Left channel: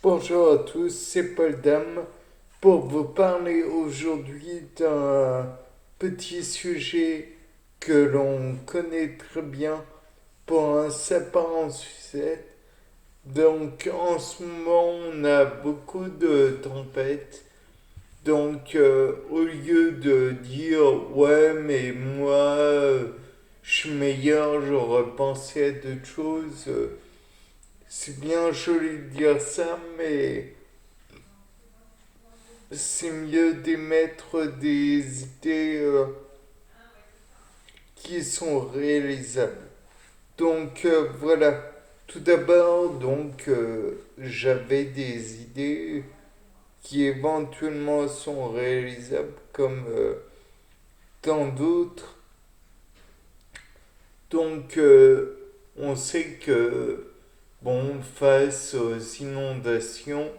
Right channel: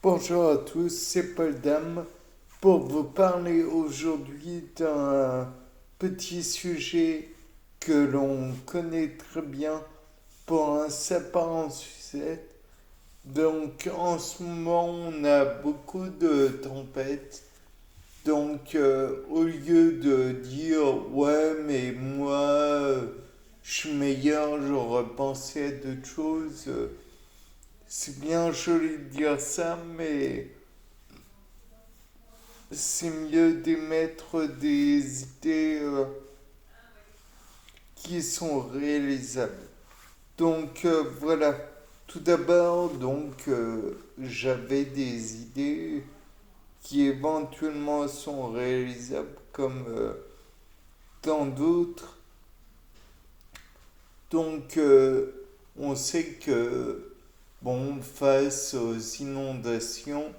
Bonjour à tous, c'est Paul Dame pour vous parler aujourd'hui d'un petit sujet que l'on connaît très bien pour un sapin en sucette. Donc en ce moment on a beaucoup de tempêtes. Donc au lieu de dire ouais mais moi je suis meilleur, j'aurais pensé à d'autres choses, c'est bien joli de dire ça mais c'est mieux d'émettre des idées qui sont réalisables. Donc voilà, tout d'abord, j'avais des idées qui éventuellement sont réalisables comme tant d'autres. Donc on sait que bon, face aux inondations,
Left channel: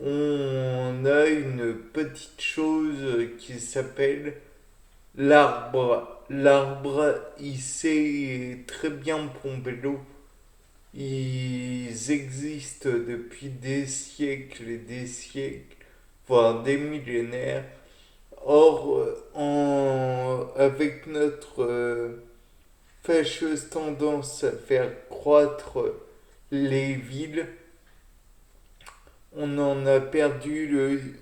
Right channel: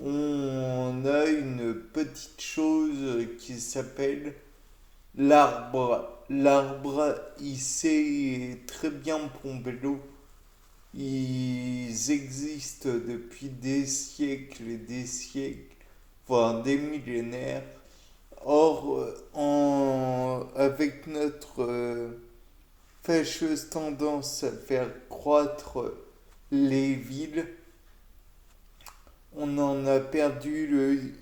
on a une petite chose qui s'appelle l'arbre. L'arbre, il sait très bien pomper l'eau. Ils existent depuis des siècles et des siècles, voire des millénaires. Or, avec notre fâcheuse tendance à faire croître les villes, on en a perdu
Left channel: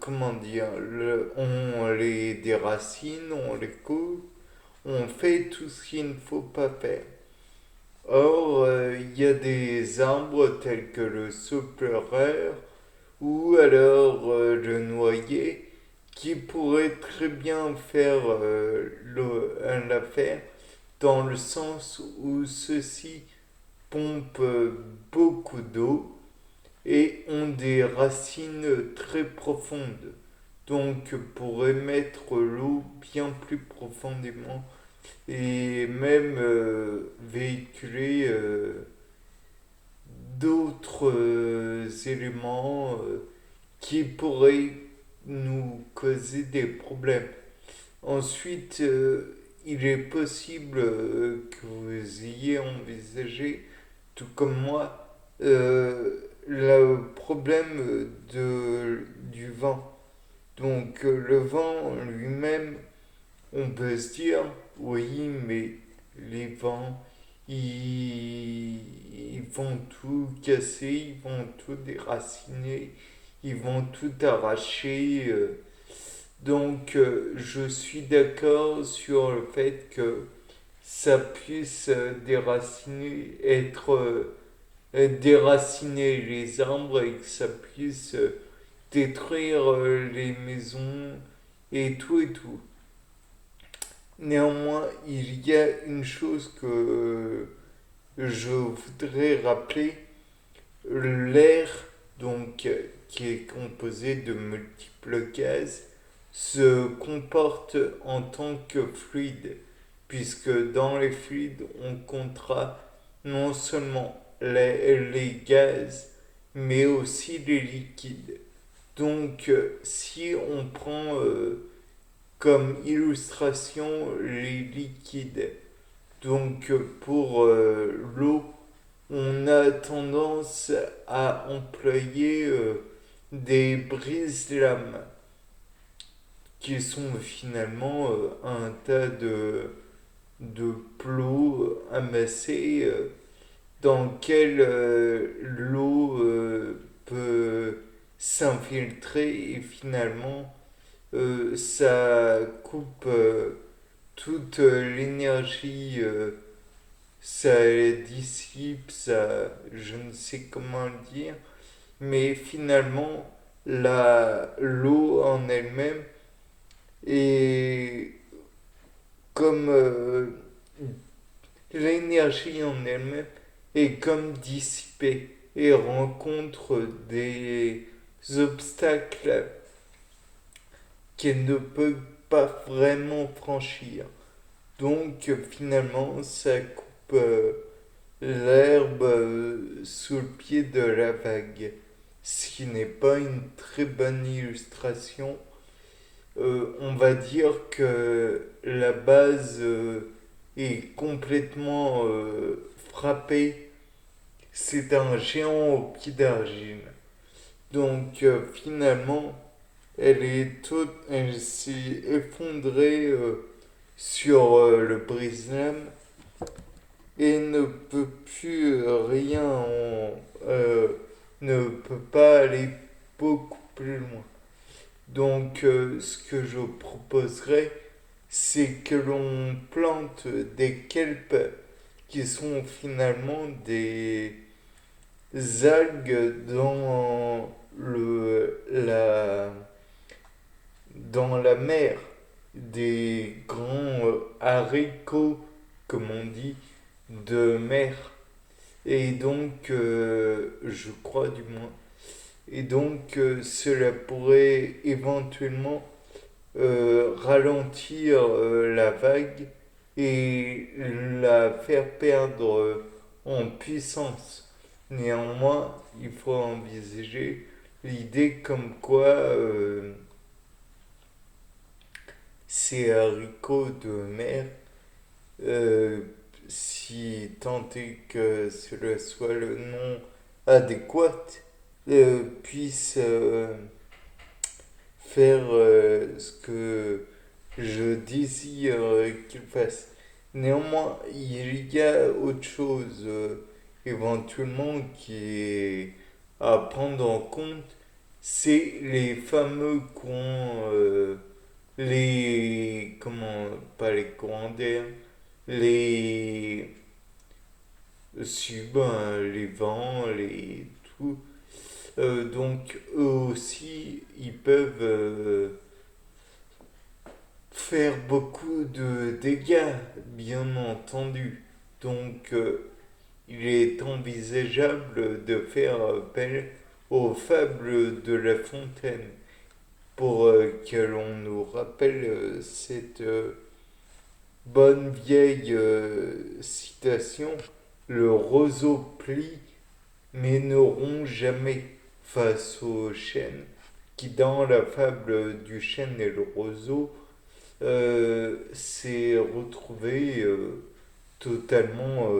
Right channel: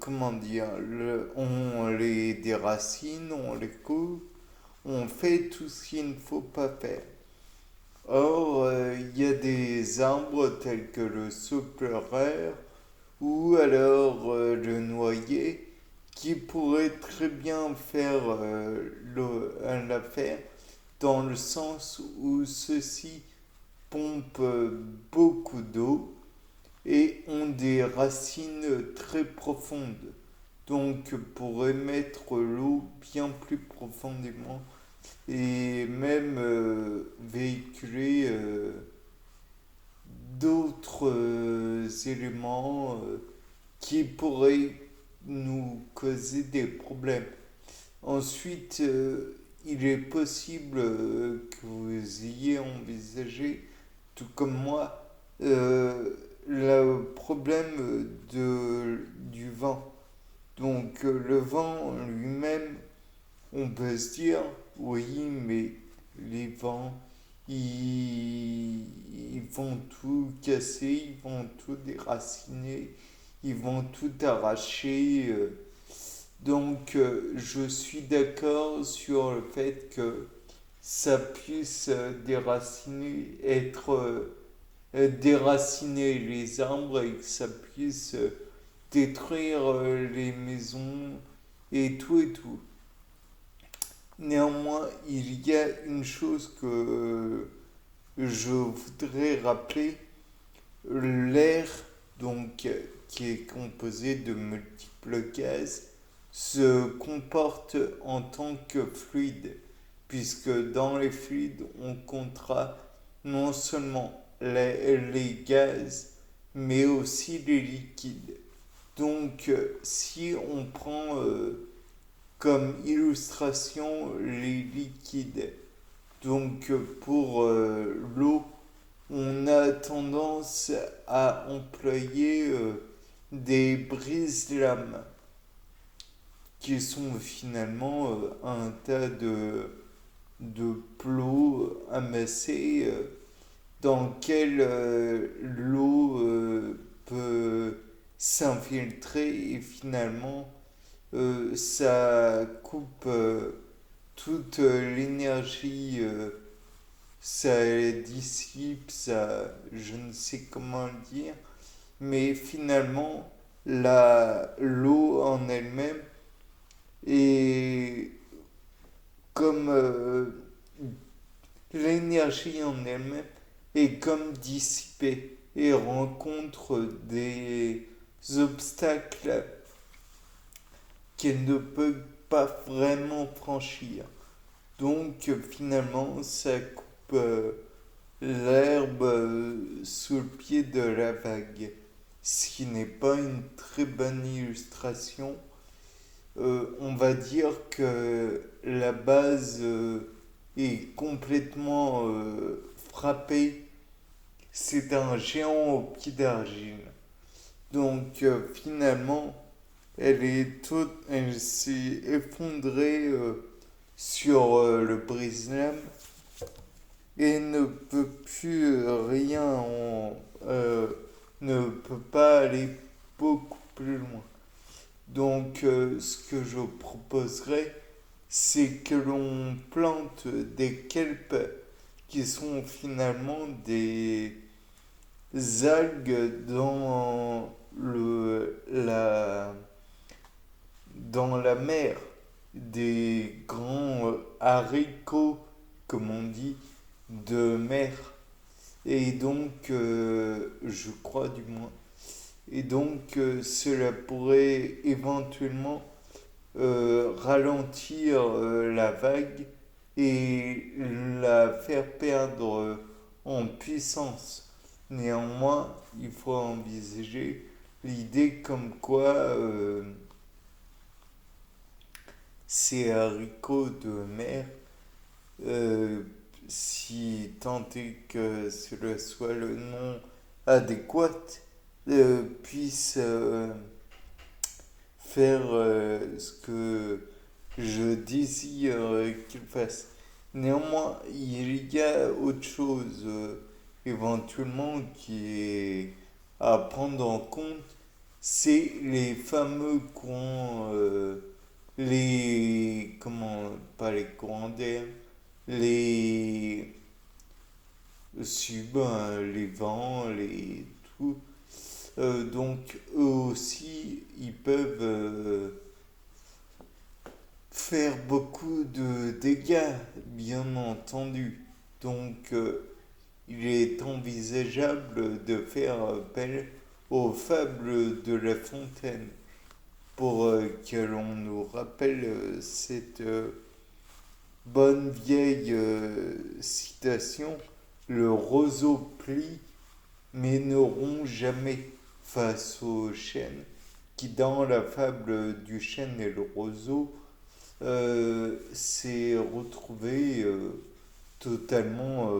comment dire, on les déracine, on les coupe, on fait tout ce qu'il ne faut pas faire. Or, il y a des arbres tels que le saupleur ou alors le noyer qui pourraient très bien faire l'affaire dans le sens où ceux-ci pompent beaucoup d'eau et ont des racines très profondes. Donc pour émettre l'eau bien plus profondément et même véhiculer d'autres éléments qui pourraient nous causer des problèmes. Ensuite, il est possible que vous ayez envisagé, tout comme moi, le problème du vent. Donc le vent lui-même, on peut se dire, oui, mais les vents, ils vont tout casser, ils vont tout déraciner, ils vont tout arracher. Donc je suis d'accord sur le fait que ça puisse déraciner, déraciner les arbres et que ça puisse détruire les maisons et tout et tout. Néanmoins, il y a une chose que je voudrais rappeler. L'air, donc, qui est composé de multiples gaz, se comporte en tant que fluide, puisque dans les fluides, on comptera non seulement les gaz, mais aussi les liquides. Donc, si on prend comme illustration les liquides, donc pour l'eau, on a tendance à employer des brises-lames qui sont finalement un tas de plots amassés dans lesquels l'eau peut s'infiltrer et finalement ça coupe toute l'énergie, ça dissipe, ça, je ne sais comment le dire, mais finalement l'eau en elle-même est comme l'énergie en elle-même est comme dissipée et rencontre des obstacles qu'elle ne peut pas vraiment franchir. Donc finalement, ça coupe l'herbe sous le pied de la vague, ce qui n'est pas une très bonne illustration. On va dire que la base est complètement frappée c'est un géant au pied d'argile. Donc finalement, elle s'est effondrée sur le brise-lames et ne peut plus euh, ne peut pas aller beaucoup plus loin. Donc ce que je proposerais, c'est que l'on plante des kelps qui sont finalement des algues dans la mer, des grands haricots, comme on dit, de mer. Et donc, je crois du moins. Et donc, cela pourrait éventuellement ralentir la vague et la faire perdre en puissance. Néanmoins, il faut envisager l'idée comme quoi ces haricots de mer, euh, si tant est que cela soit le nom adéquat, puissent faire ce que je désire qu'il fasse. Néanmoins, il y a autre chose éventuellement qui est à prendre en compte, c'est les fameux courants, pas les courants d'air, les, les vents, tout. Donc eux aussi, ils peuvent faire beaucoup de dégâts, bien entendu. Donc, il est envisageable de faire appel aux fables de La Fontaine pour que l'on nous rappelle cette bonne vieille citation. Le roseau plie, mais ne rompt jamais face au chêne, qui dans la fable du chêne et le roseau s'est retrouvé totalement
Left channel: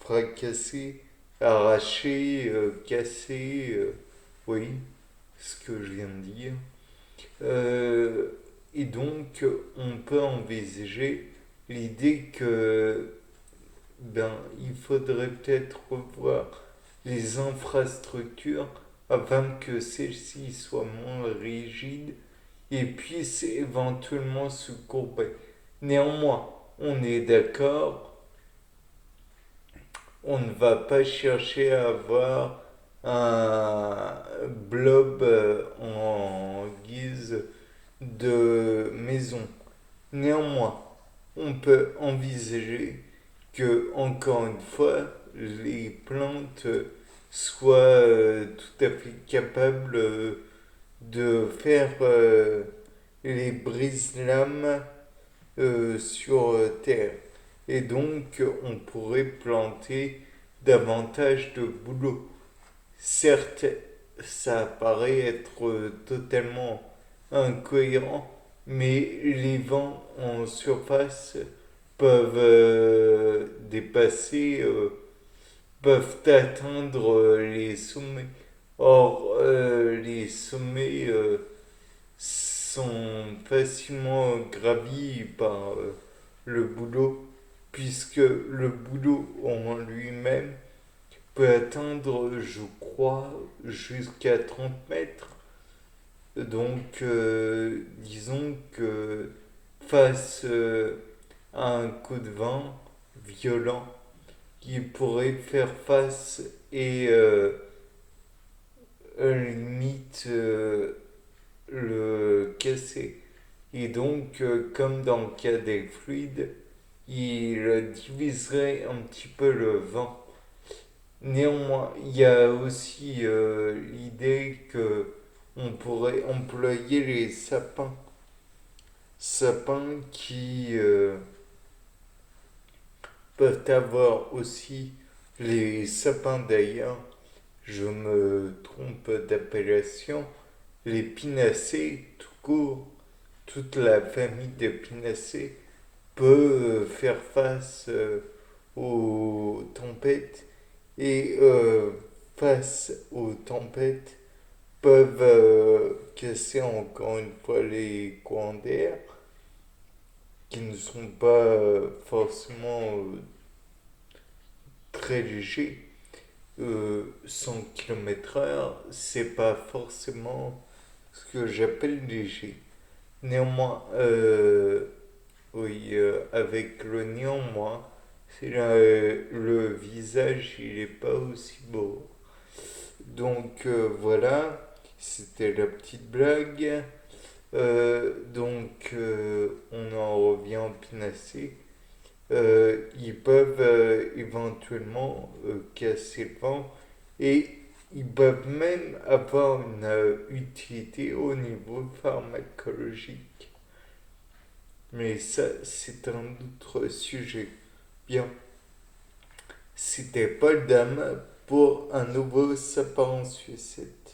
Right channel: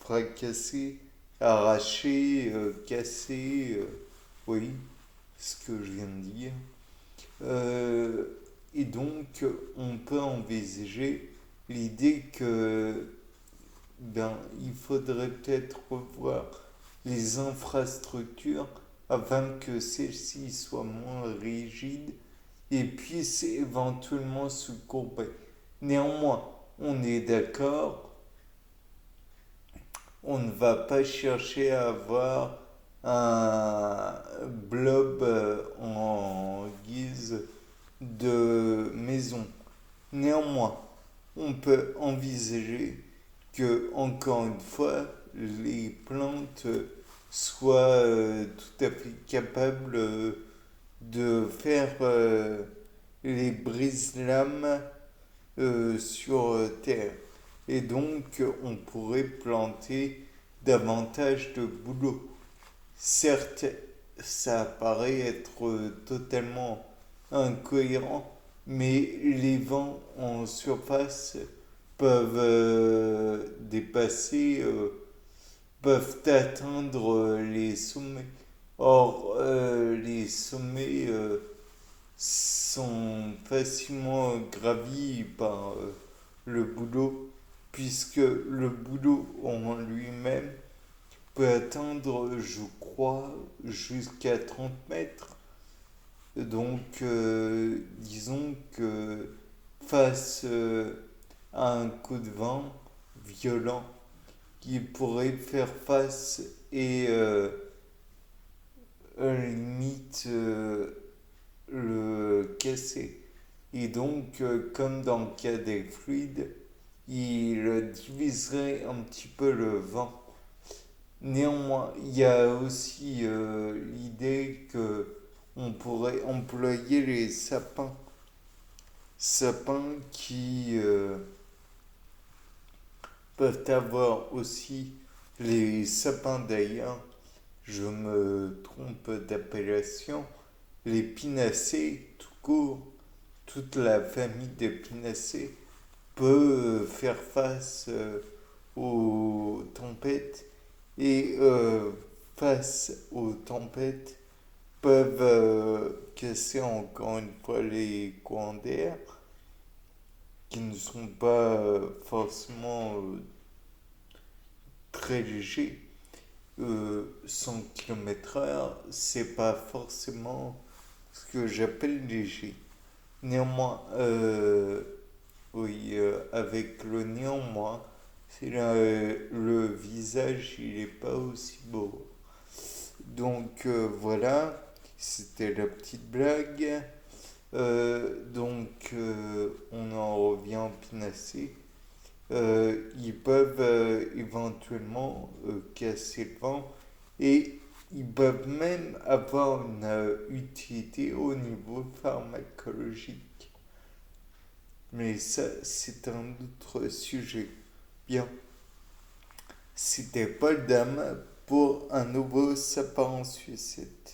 fracassé, arraché, cassé, oui, ce que je viens de dire. Euh, et donc, on peut envisager l'idée que il faudrait peut-être revoir les infrastructures afin que celles-ci soient moins rigides et puissent éventuellement se courber. Néanmoins, on est d'accord, on ne va pas chercher à avoir un blob en guise de maison. Néanmoins, on peut envisager que, encore une fois, les plantes soient tout à fait capables de faire les brise-lames sur Terre. Et donc, on pourrait planter davantage de bouleaux. Certes, ça paraît être totalement incohérent, mais les vents en surface peuvent peuvent atteindre les sommets. Or, les sommets sont facilement gravis par le boulot, puisque le boulot en lui-même peut atteindre, je crois, jusqu'à 30 mètres. Donc, disons que face à un coup de vent violent, qui pourrait faire face et limite le casser. Et donc, comme dans le cas des fluides, il diviserait un petit peu le vent. Néanmoins, il y a aussi l'idée que on pourrait employer les sapins. Sapins qui peuvent avoir aussi les sapins d'ailleurs, je me trompe d'appellation, les pinacées tout court, toute la famille des pinacées peut faire face aux tempêtes et face aux tempêtes peuvent casser encore une fois les courants d'air qui ne sont pas forcément très légers. 100 km/h, c'est pas forcément ce que j'appelle léger. Néanmoins, oui, avec le néanmoins, c'est le visage, il est pas aussi beau. Donc voilà, c'était la petite blague. On en revient au pinacé. Ils peuvent éventuellement casser le vent et ils peuvent même avoir une utilité au niveau pharmacologique. Mais ça, c'est un autre sujet. Bien, c'était Paul Dame pour un nouveau sapin en sucette.